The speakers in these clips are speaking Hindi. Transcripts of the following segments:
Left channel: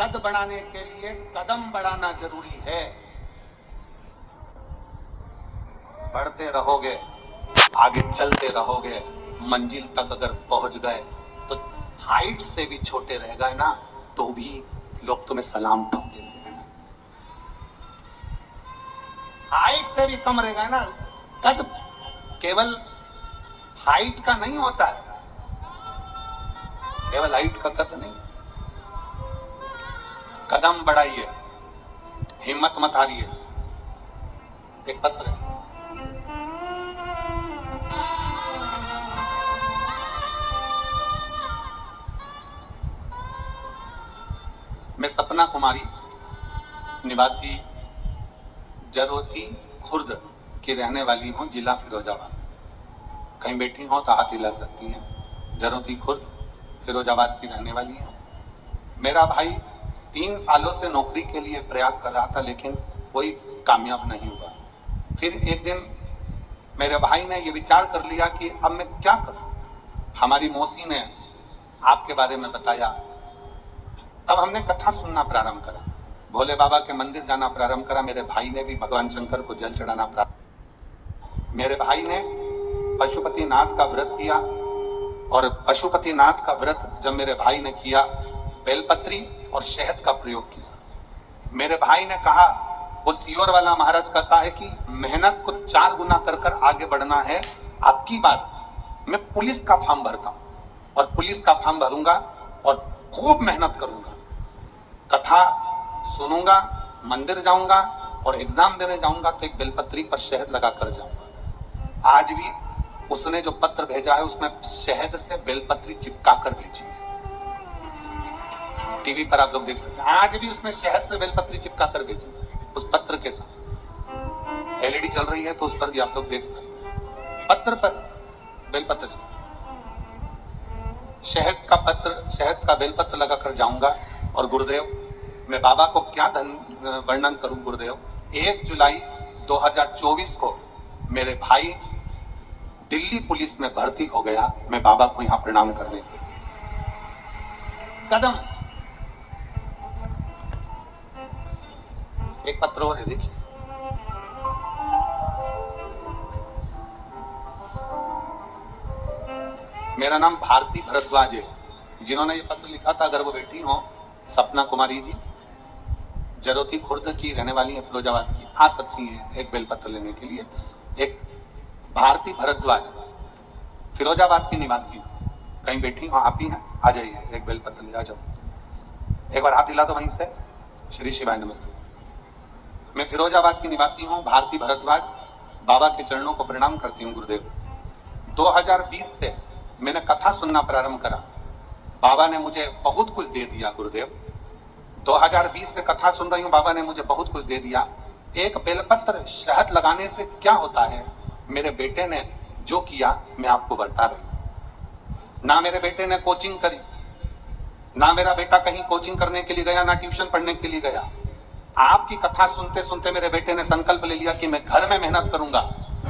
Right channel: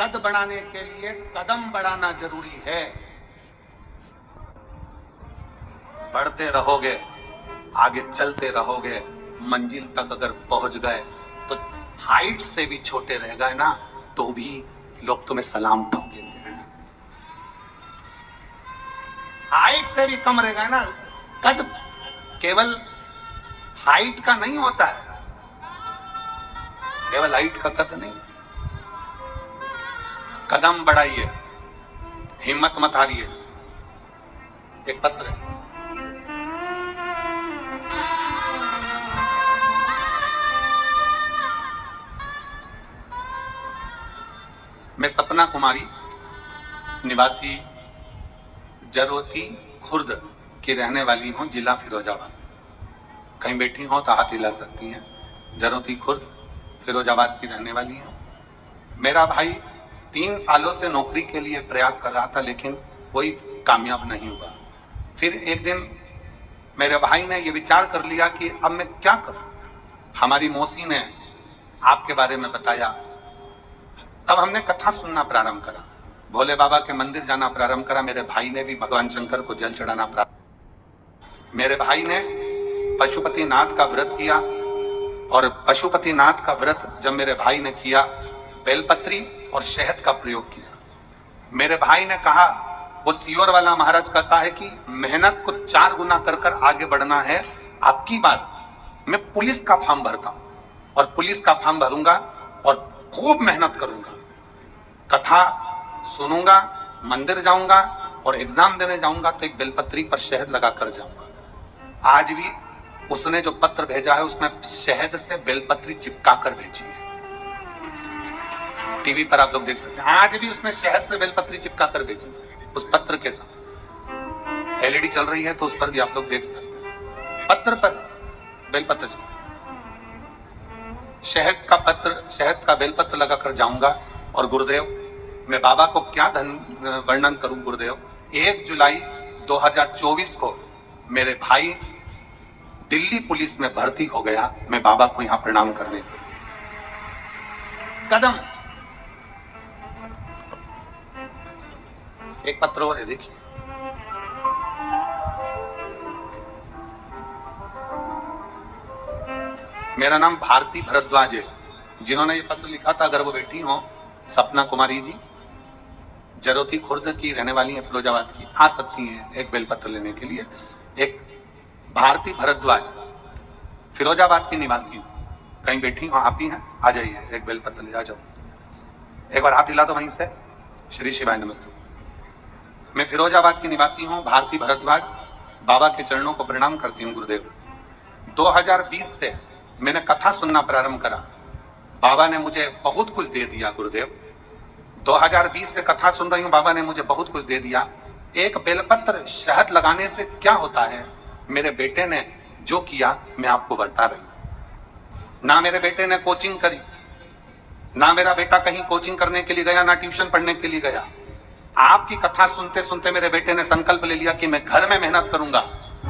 कद बढ़ाने के लिए कदम बढ़ाना जरूरी है। बढ़ते रहोगे, आगे चलते रहोगे, मंजिल तक अगर पहुंच गए तो हाइट से भी छोटे रह गए ना तो भी लोग तुम्हें सलाम ठोकेंगे। हाइट से भी कम रह गए ना, कद केवल हाइट का नहीं होता है, केवल हाइट का कद नहीं। कदम बढ़ाइए, हिम्मत मत हारिए। एक पत्र है, मैं सपना कुमारी निवासी जरोती खुर्द की रहने वाली हूं, जिला फिरोजाबाद। कहीं बैठी हो तो हाथ हिला सकती हैं। जरोती खुर्द फिरोजाबाद की रहने वाली हूं। मेरा भाई 3 सालों से नौकरी के लिए प्रयास कर रहा था लेकिन कोई कामयाब नहीं हुआ। फिर एक दिन मेरे भाई ने यह विचार कर लिया कि अब मैं क्या करूं। हमारी मौसी ने आपके बारे में बताया, तब हमने कथा सुनना प्रारंभ करा, भोले बाबा के मंदिर जाना प्रारंभ करा। मेरे भाई ने भी भगवान शंकर को जल चढ़ाना प्रारंभ। मेरे भाई ने पशुपतिनाथ का व्रत किया और पशुपतिनाथ का व्रत जब मेरे भाई ने किया, बेलपत्री और शहद का प्रयोग किया। मेरे भाई ने कहा, वो सियोर वाला महाराज कहता है कि मेहनत को 4 गुना कर आगे बढ़ना है। आपकी बात, मैं पुलिस का फॉर्म भरता हूं और पुलिस का फॉर्म भरूंगा और खूब मेहनत करूंगा, कथा सुनूंगा, मंदिर जाऊंगा और एग्जाम देने जाऊंगा तो एक बेलपत्री पर शहद लगा कर जाऊंगा। आज भी उसने जो पत्र भेजा है उसमें शहद से बेलपत्री चिपका कर भेजी है। टीवी पर आप लोग देख सकते हैं, आज भी उसने शहद से बेलपत्री चिपका कर भेजी उस पत्र के साथ। एलईडी चल रही है तो उस पर भी आप लोग देख सकते हैं, पत्र पर बेलपत्र शहद का पत्र, शहद का बेलपत्र लगाकर जाऊंगा। और गुरुदेव, मैं बाबा को क्या वर्णन करूं गुरुदेव। 1 जुलाई 2024 को मेरे भाई दिल्ली पुलिस में भर्ती हो गया। मैं बाबा को यहां प्रणाम करने के लिए कदम। एक पत्र और है, देखिए। मेरा नाम भारती भरद्वाज है। जिन्होंने ये पत्र लिखा था, अगर वो बैठी हो, सपना कुमारी जी, जरोती खुर्द की रहने वाली है, फिरोजाबाद की, आ सकती हैं एक बेलपत्र लेने के लिए। एक भारती भरद्वाज, फिरोजाबाद की निवासी हूं, कहीं बैठी हो, आप ही हैं, आ जाइए, एक बेलपत्र ले आ जाओ। एक बार हाथ हिला दो वहीं से। श्री शिवाय नमस्ते। मैं फिरोजाबाद की निवासी हूं, भारती भरद्वाज। बाबा के चरणों को प्रणाम करती हूं गुरुदेव। 2020 से मैंने कथा सुनना प्रारंभ करा। बाबा ने मुझे बहुत कुछ दे दिया गुरुदेव। 2020 से कथा सुन रही हूं, बाबा ने मुझे बहुत कुछ दे दिया। एक बेलपत्र शहद लगाने से क्या होता है, मेरे बेटे ने जो किया मैं आपको बता रही हूं। ना मेरे बेटे ने कोचिंग करी, ना मेरा बेटा कहीं कोचिंग करने के लिए गया, ना ट्यूशन पढ़ने के लिए गया। आपकी कथा सुनते सुनते मेरे बेटे ने संकल्प ले लिया कि मैं घर में मेहनत करूंगा।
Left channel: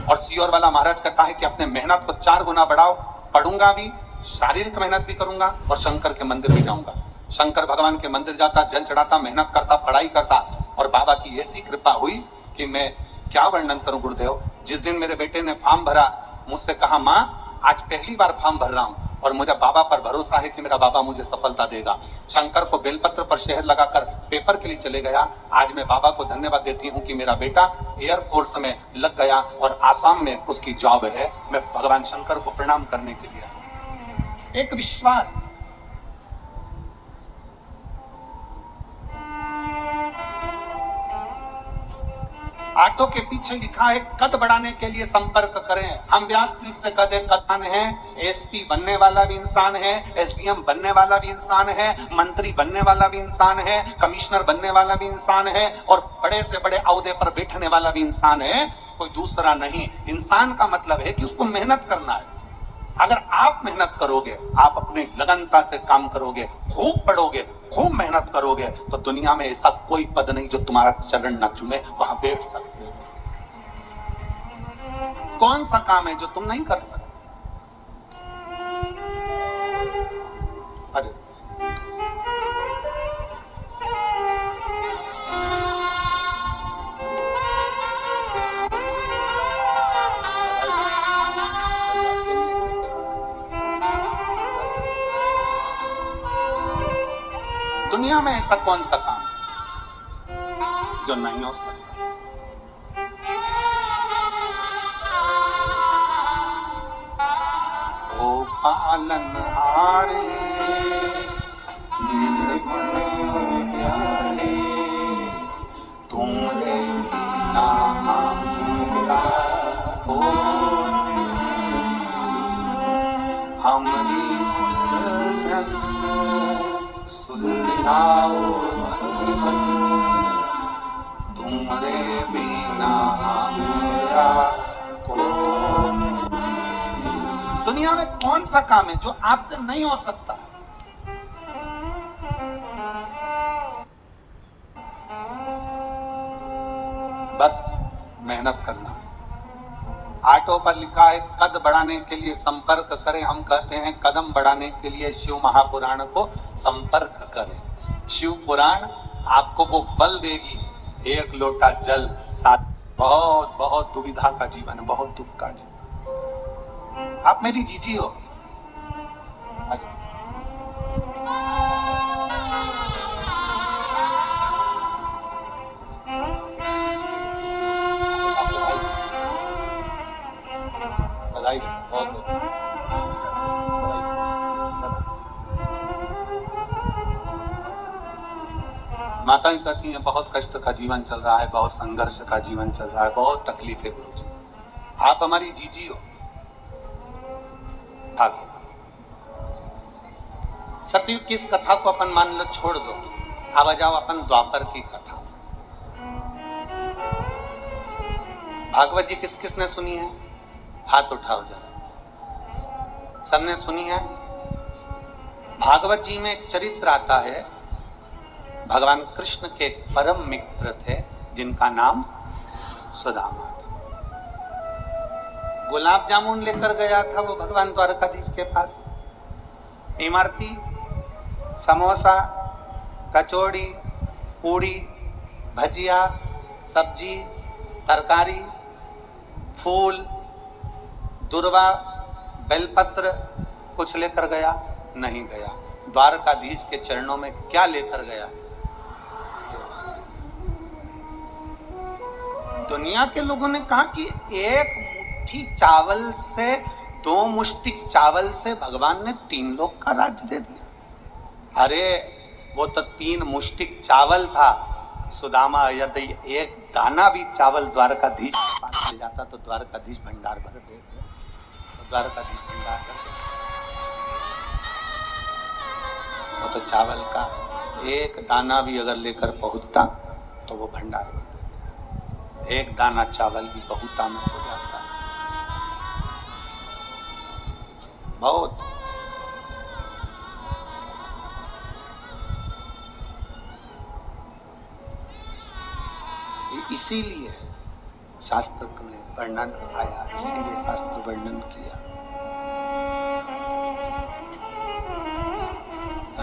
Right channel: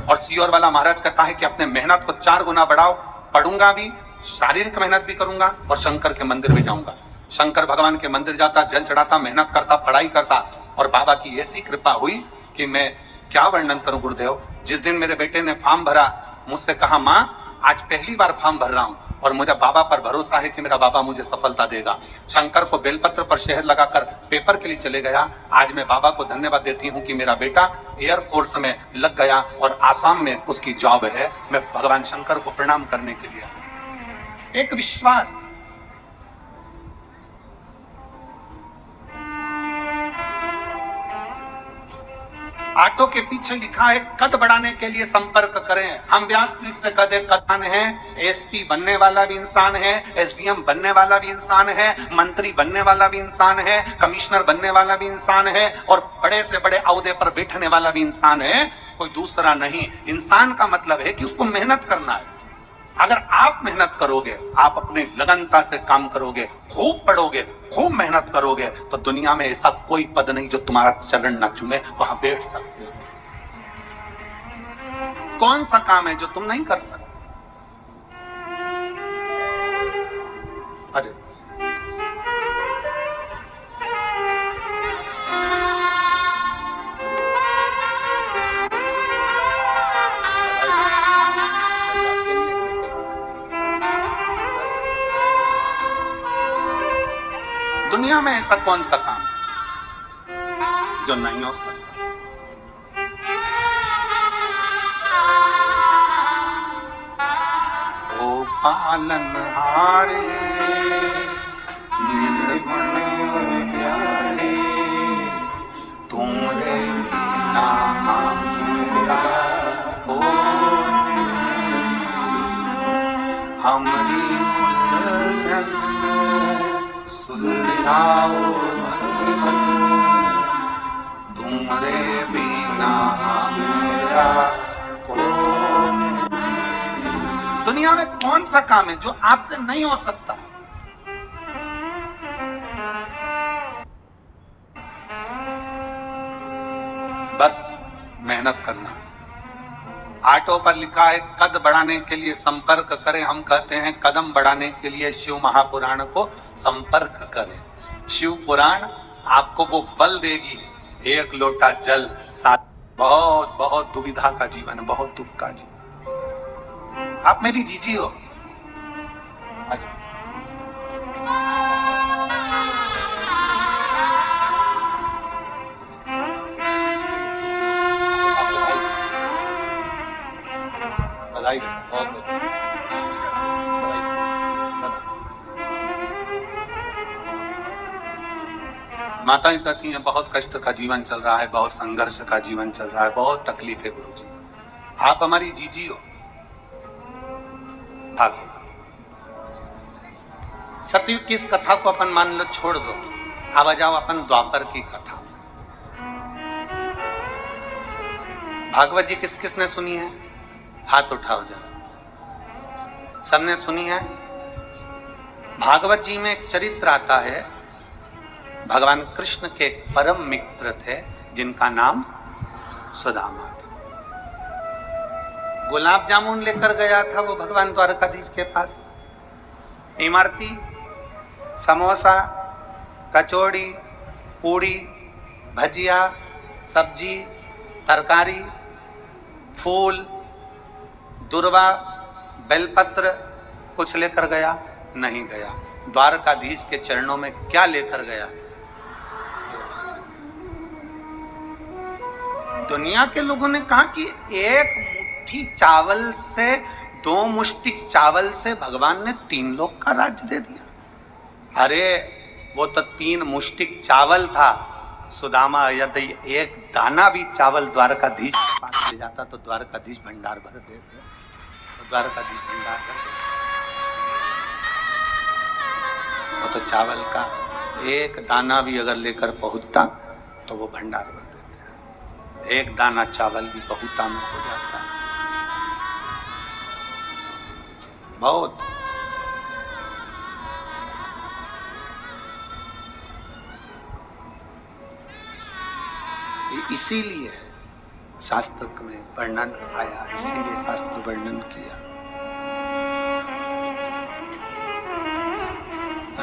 और सियोर वाला महाराज कहता है कि अपने मेहनत को 4 गुना बढ़ाओ। पढ़ूंगा भी, शारीरिक मेहनत भी करूंगा और शंकर के मंदिर भी जाऊंगा। शंकर भगवान के मंदिर जाता, जल चढ़ाता, मेहनत करता, पढ़ाई करता। और बाबा की ऐसी कृपा हुई कि मैं क्या वर्णन करूं गुरुदेव। जिस दिन मेरे बेटे ने फॉर्म भरा, मुझसे कहा, माँ आज पहली बार फॉर्म भर रहा हूं और मुझे बाबा पर भरोसा है कि मेरा बाबा मुझे सफलता देगा। शंकर को बेलपत्र पर शहद लगाकर पेपर के लिए चले गया। आज मैं बाबा को धन्यवाद देती हूं कि मेरा बेटा एयरफोर्स में लग गया और आसाम में उसकी जॉब है। मैं भगवान शंकर को प्रणाम करने के लिए। एक विश्वास, ऑटो के पीछे लिखा है, कद बढ़ाने के लिए संपर्क करें। हम व्यासपीठ से कद कथन है। एसपी बनने वाला भी इंसान है, एसडीएम बनने वाला भी इंसान है, मंत्री बनने वाला भी इंसान है, कमिश्नर बनने वाला भी इंसान है और बड़े से बड़े ओहदे पर बैठने वाला भी इंसान है, कोई दूसरा नहीं। इंसान का मतलब है कि उसको मेहनत करना है। अगर आप मेहनत करोगे, आप अपनी लगनता से काम करोगे, खूब पढ़ोगे, खूब मेहनत करोगे, तो दुनिया में ऐसा कोई पद नहीं जो तुम्हारा चरण ना चुमे, वहां बैठ सकते हो। कौन सा काम है जो तुम नहीं कर सकते? अजय दुनिया में ऐसा कौन सा काम है जो नहीं हो सकता? ओ पालनहारे निर्गुण प्यारे, तुमरे बिना हमरा हो, हमरी उलझन सुलझाओ भगवन, तुमरे बिना हमरा हो। दुनिया में कौन सा काम है जो आपसे नहीं हो सकता? बस मेहनत करना। आटो पर लिखा है कद बढ़ाने के लिए संपर्क करें, हम कहते हैं कदम बढ़ाने के लिए शिव महापुराण को संपर्क करें। शिव पुराण आपको वो बल देगी, एक लोटा जल साथ। बहुत बहुत दुविधा का जीवन, बहुत दुख का जीवन। आप मेरी जीजी हो। बधाई बहुत बहुत। माताएं कहती हैं बहुत कष्ट का जीवन चल रहा है, बहुत संघर्ष का जीवन चल रहा है, बहुत तकलीफ है गुरुजी। आप हमारी जीजी हो। सतयुग की इस कथा को अपन मान लो छोड़ दो, अब आ जाओ अपन द्वापर की कथा। भागवत जी किस किसने सुनी है? हाथ उठाओ जरा। सबने सुनी है? भागवत जी में एक चरित्र आता है, भगवान कृष्ण के परम मित्र थे जिनका नाम सुदामा था। गुलाब जामुन लेकर गया था वो भगवान द्वारकाधीश के पास। इमरती, समोसा, कचौड़ी, पूड़ी, भजिया, सब्जी, तरकारी, फूल, दुर्वा, बेलपत्र कुछ लेकर गया? नहीं गया। द्वारकाधीश के चरणों में क्या लेकर गया? दुनिया के लोगों ने कहा कि एक मुट्ठी चावल से, 2 मुष्टि चावल से भगवान ने 3 लोग का राज्य दे दिया। अरे वो तो 3 मुष्टि चावल था। सुदामा यदि एक दाना भी चावल द्वारकाधीश के पास ले जाता तो द्वारकाधीश भंडार भर देते, तो द्वारकाधीश भंडार भर देते। वो तो चावल का एक दाना भी अगर लेकर पहुंचता तो वो भंडार भर देते। एक दाना चावल भी बहुता में हो जाता। बहुत। इसीलिए शास्त्र में वर्णन आया, इसीलिए शास्त्र वर्णन किया।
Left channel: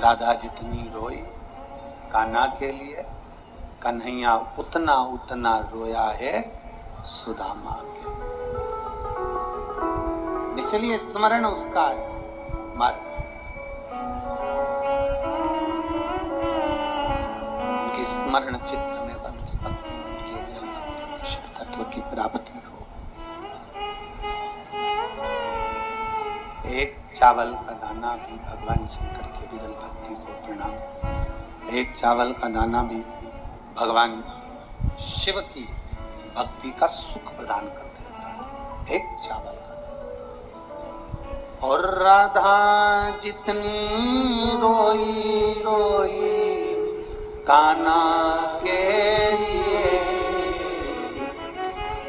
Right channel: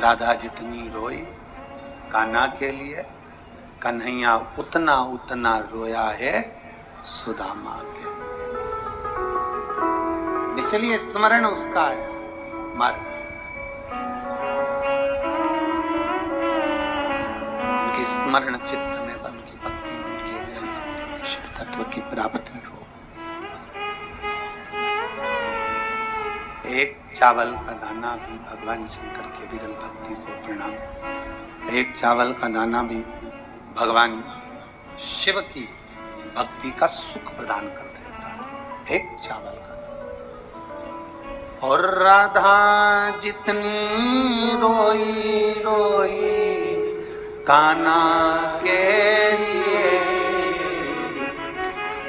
राधा जितनी रोई कान्हा के लिए, कन्हैया उतना उतना रोया है सुदामा के। इसलिए स्मरण उसका है हमारा। उनकी स्मरण चित्त में, उनकी भक्ति में, उनकी विरल भक्ति में शिव तत्व की प्राप्ति हो। एक चावल का दाना भी भगवान शंकर के विरल भक्ति को प्रणाम। एक चावल का दाना भी भगवान शिव की भक्ति का सुख प्रदान कर देता है। एक चावल का दाना। और राधा जितनी रोई रोई कान्हा के लिए,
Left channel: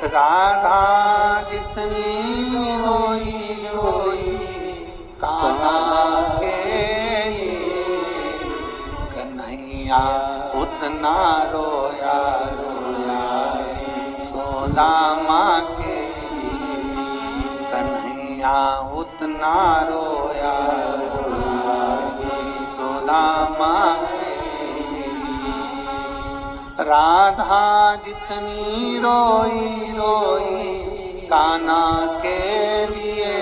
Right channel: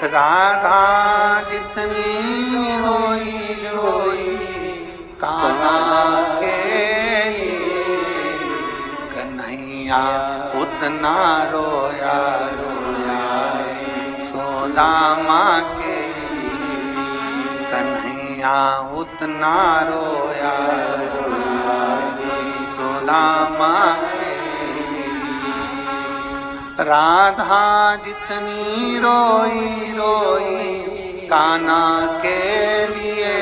राधा जितनी रोई रोई कान्हा के लिए, कन्हैया उतना रोया रोया सुदामा के लिए। कन्हैया उतना रोया रोया सुदामा के लिए। राधा जितनी रोई रोई कान्हा के लिए,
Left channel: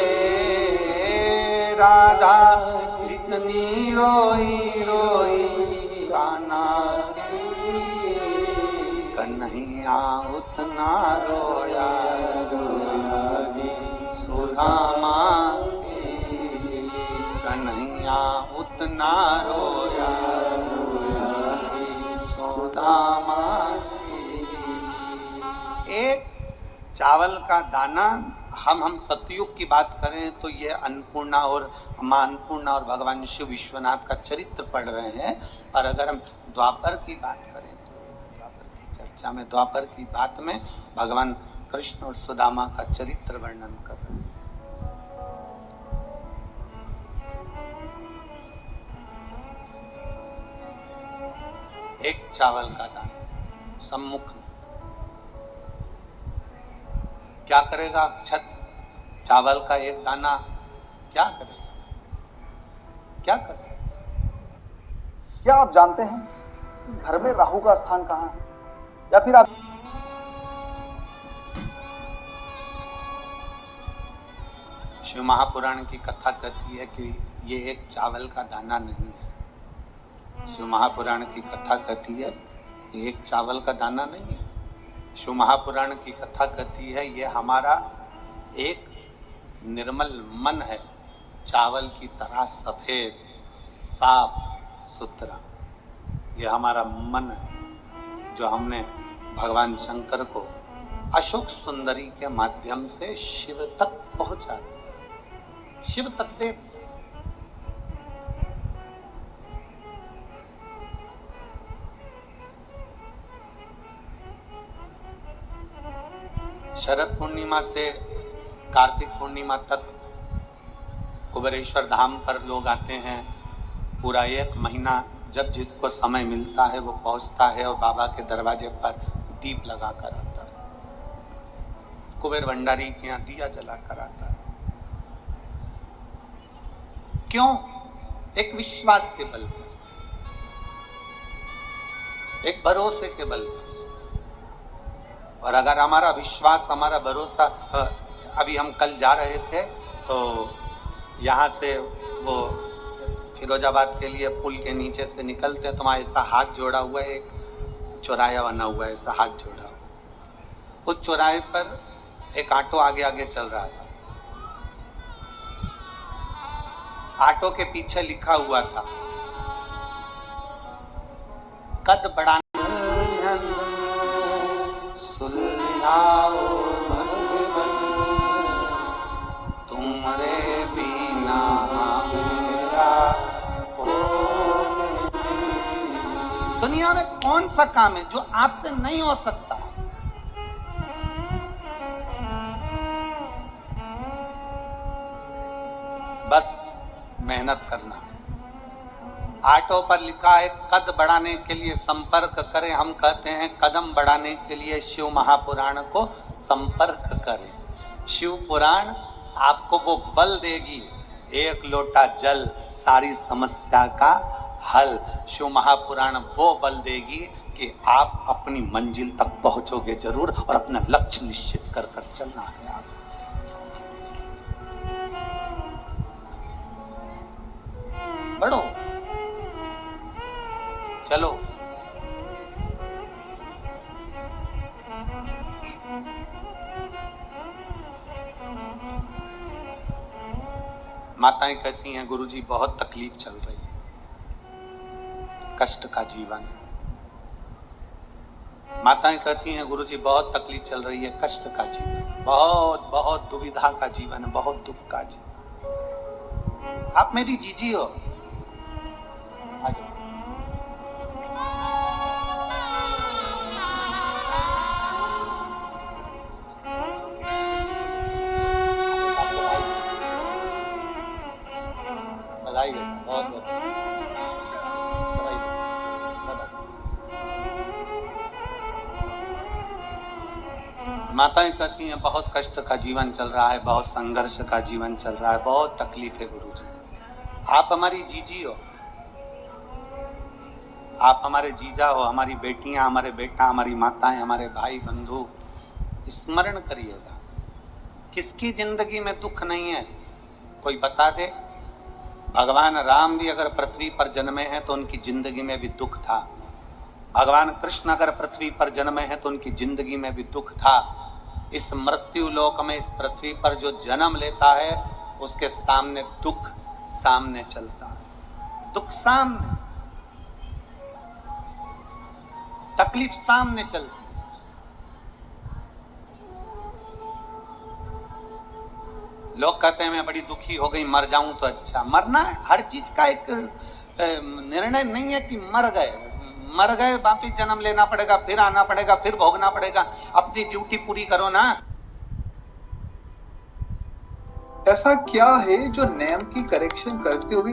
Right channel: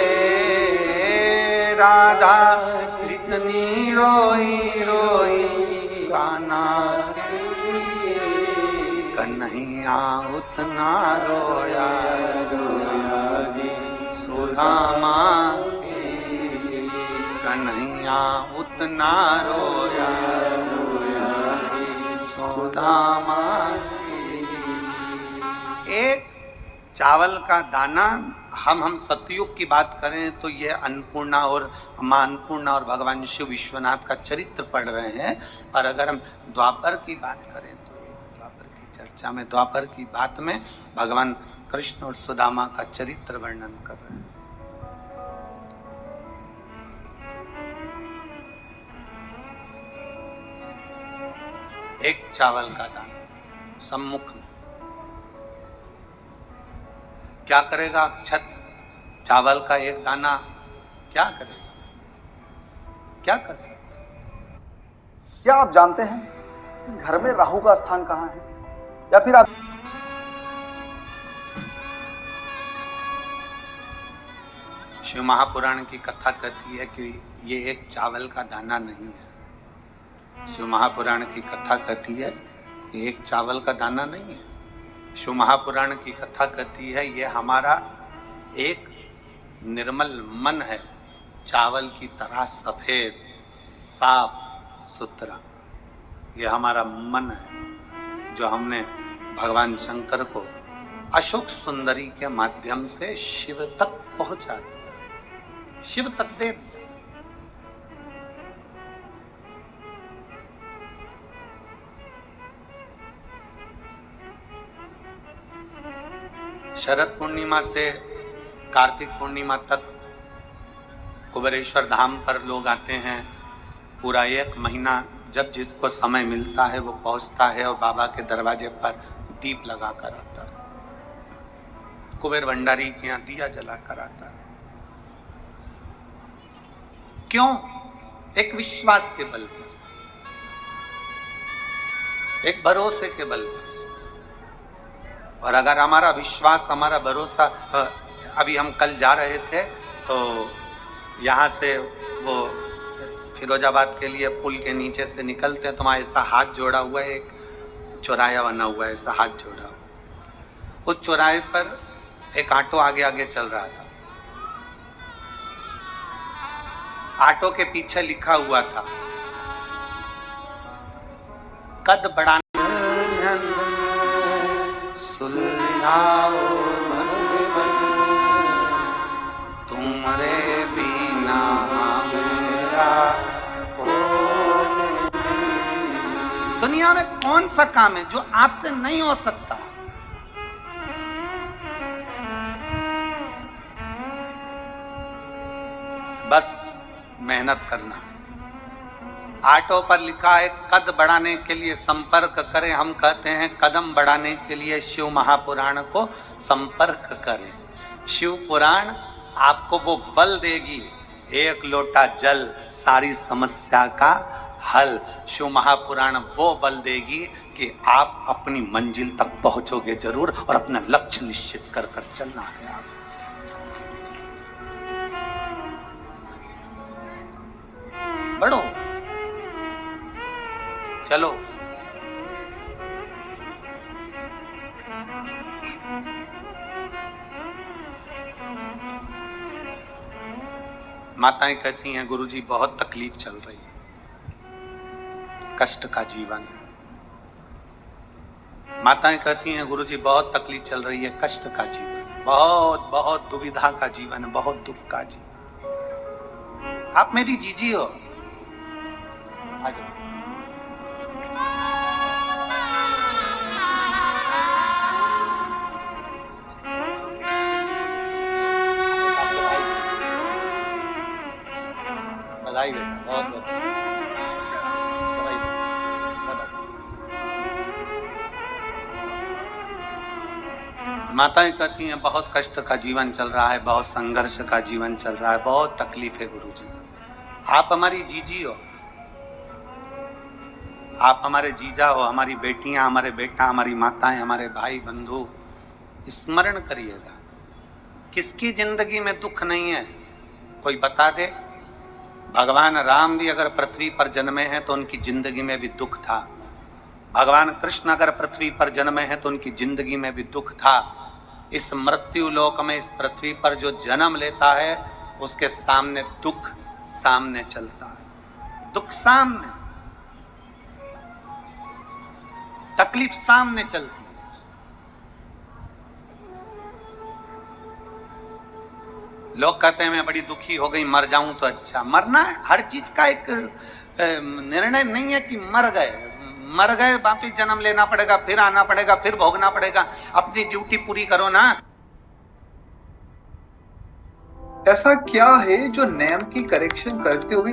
राधा जितनी रोई रोई उतना रोया सुदामा कन्हैया उतना रोया सुदामा। एक चावल का दाना, हम सतयुग की बात करें तो ये अन्नपूर्णा और मां अन्नपूर्णा और भगवान शिव विश्वनाथ का चरित्र पढ़ रहे हैं। और अगर हम द्वापर की बात करें तो द्वापर की चर्चा में, द्वापर की बात में भगवान कृष्ण और सुदामा का चरित्र वर्णन कर रहे हैं। एक चावल का दाना सम्मुख में क्या करेगा अक्षत? चावल का एक दाना क्या करेगा? क्या कर सकता? क्या आप जानते हैं कि घर में राहु का स्थान कहां है? या फिर आप शिव महापुराण की कथा कहती है कि ये एक चावल का दाना नहीं है। शिव महापुराण की कथा कहती है ये एक चावल का दाना नहीं है। शिव महापुराण की कथा कहती है ये हमारा एक निर्मल मन है, चावल की तरह सफेद साफ सुथरा। ये हमारा मन है जो हमने भगवान शंकर को अशोक सुंदरी के माध्यम से शिव तक पहुंचा दिया, शिव तक दे दिया। शरद पूर्णिमा से कार्तिक पूर्णिमा तक कुबेरेश्वर धाम पर लोग आते हैं। पूरा एक महीना जब जिसको समय मिलता है वो पहुंचता है और बाबा के दरवाजे पर दीप लगा कर आता है। कुबेर भंडारी के यहाँ दिया जला कर आता है। क्यों? एक विश्वास के बल पर, एक भरोसे के बल पर। और अगर हमारा विश्वास, हमारा भरोसा, अभी हम कल जा रहे थे तो यहाँ से वो फिरोजाबाद के लिए पुल के नीचे से निकलते हैं तो वहाँ ऐसा हाथ जोड़ा हुआ है, एक चौराया बना हुआ है, ऐसा हाथ जोड़ा हुआ। उस चौराहे पर एक ऑटो आगे आगे चल रहा था। ऑटो के पीछे लिखा हुआ था कद बढ़ाने सुलझाओ भगवन तुमरे बिना मेरा दुनिया में कौन सा काम है जो आपसे नहीं हो सकता? बस मेहनत करना। ऑटो पर लिखा है कद बढ़ाने के लिए संपर्क करें। हम कहते हैं कदम बढ़ाने के लिए शिव महापुराण को संपर्क करें। शिव पुराण आपको वो बल देगी, एक लोटा जल सारी समस्या का हल। शिव महापुराण वो बल देगी कि आप अपनी मंजिल तक पहुंचोगे जरूर, और अपना लक्ष्य निश्चित कर कर चलना है। आप बढ़ो, चलो। माताएं कहती हैं गुरुजी बहुत तकलीफ चल रही है, कष्ट का जीवन है। माताएं कहती हैं गुरुजी बहुत तकलीफ चल रही है, कष्ट का जीवन, बहुत बहुत दुविधा का जीवन है, बहुत दुख का जीवन। आप मेरी जीजी हो, आ जाओ। बधाई बेटा, बहुत बहुत माताएं कहती हैं बहुत कष्ट का जीवन चल रहा है, बहुत संघर्ष का जीवन चल रहा है, बहुत तकलीफ है गुरुजी। आप हमारी जीजी हो, आप हमारे जीजा हो, हमारी बेटियां, हमारे बेटा, हमारी माताएं, हमारे भाई बंधु। स्मरण करिएगा, किसकी जिंदगी में दुख नहीं है? कोई बता दे। भगवान राम भी अगर पृथ्वी पर जन्मे हैं तो उनकी जिंदगी में भी दुख था। भगवान कृष्ण अगर पृथ्वी पर जन्मे हैं तो उनकी जिंदगी में भी दुख था। इस मृत्यु लोक में, इस पृथ्वी पर जो जन्म लेता है उसके सामने दुख सामने चलता है, दुख सामने, तकलीफ सामने चलती है। लोग कहते हैं मैं बड़ी दुखी हो गई, मर जाऊं तो अच्छा। मरना है, हर चीज का एक निर्णय नहीं है कि मर गए वापिस जन्म लेना पड़ेगा, फिर आना पड़ेगा, फिर भोगना पड़ेगा। अपनी ड्यूटी पूरी करो ना। ऐसा क्या है जो नियम की करेक्शन करते हुए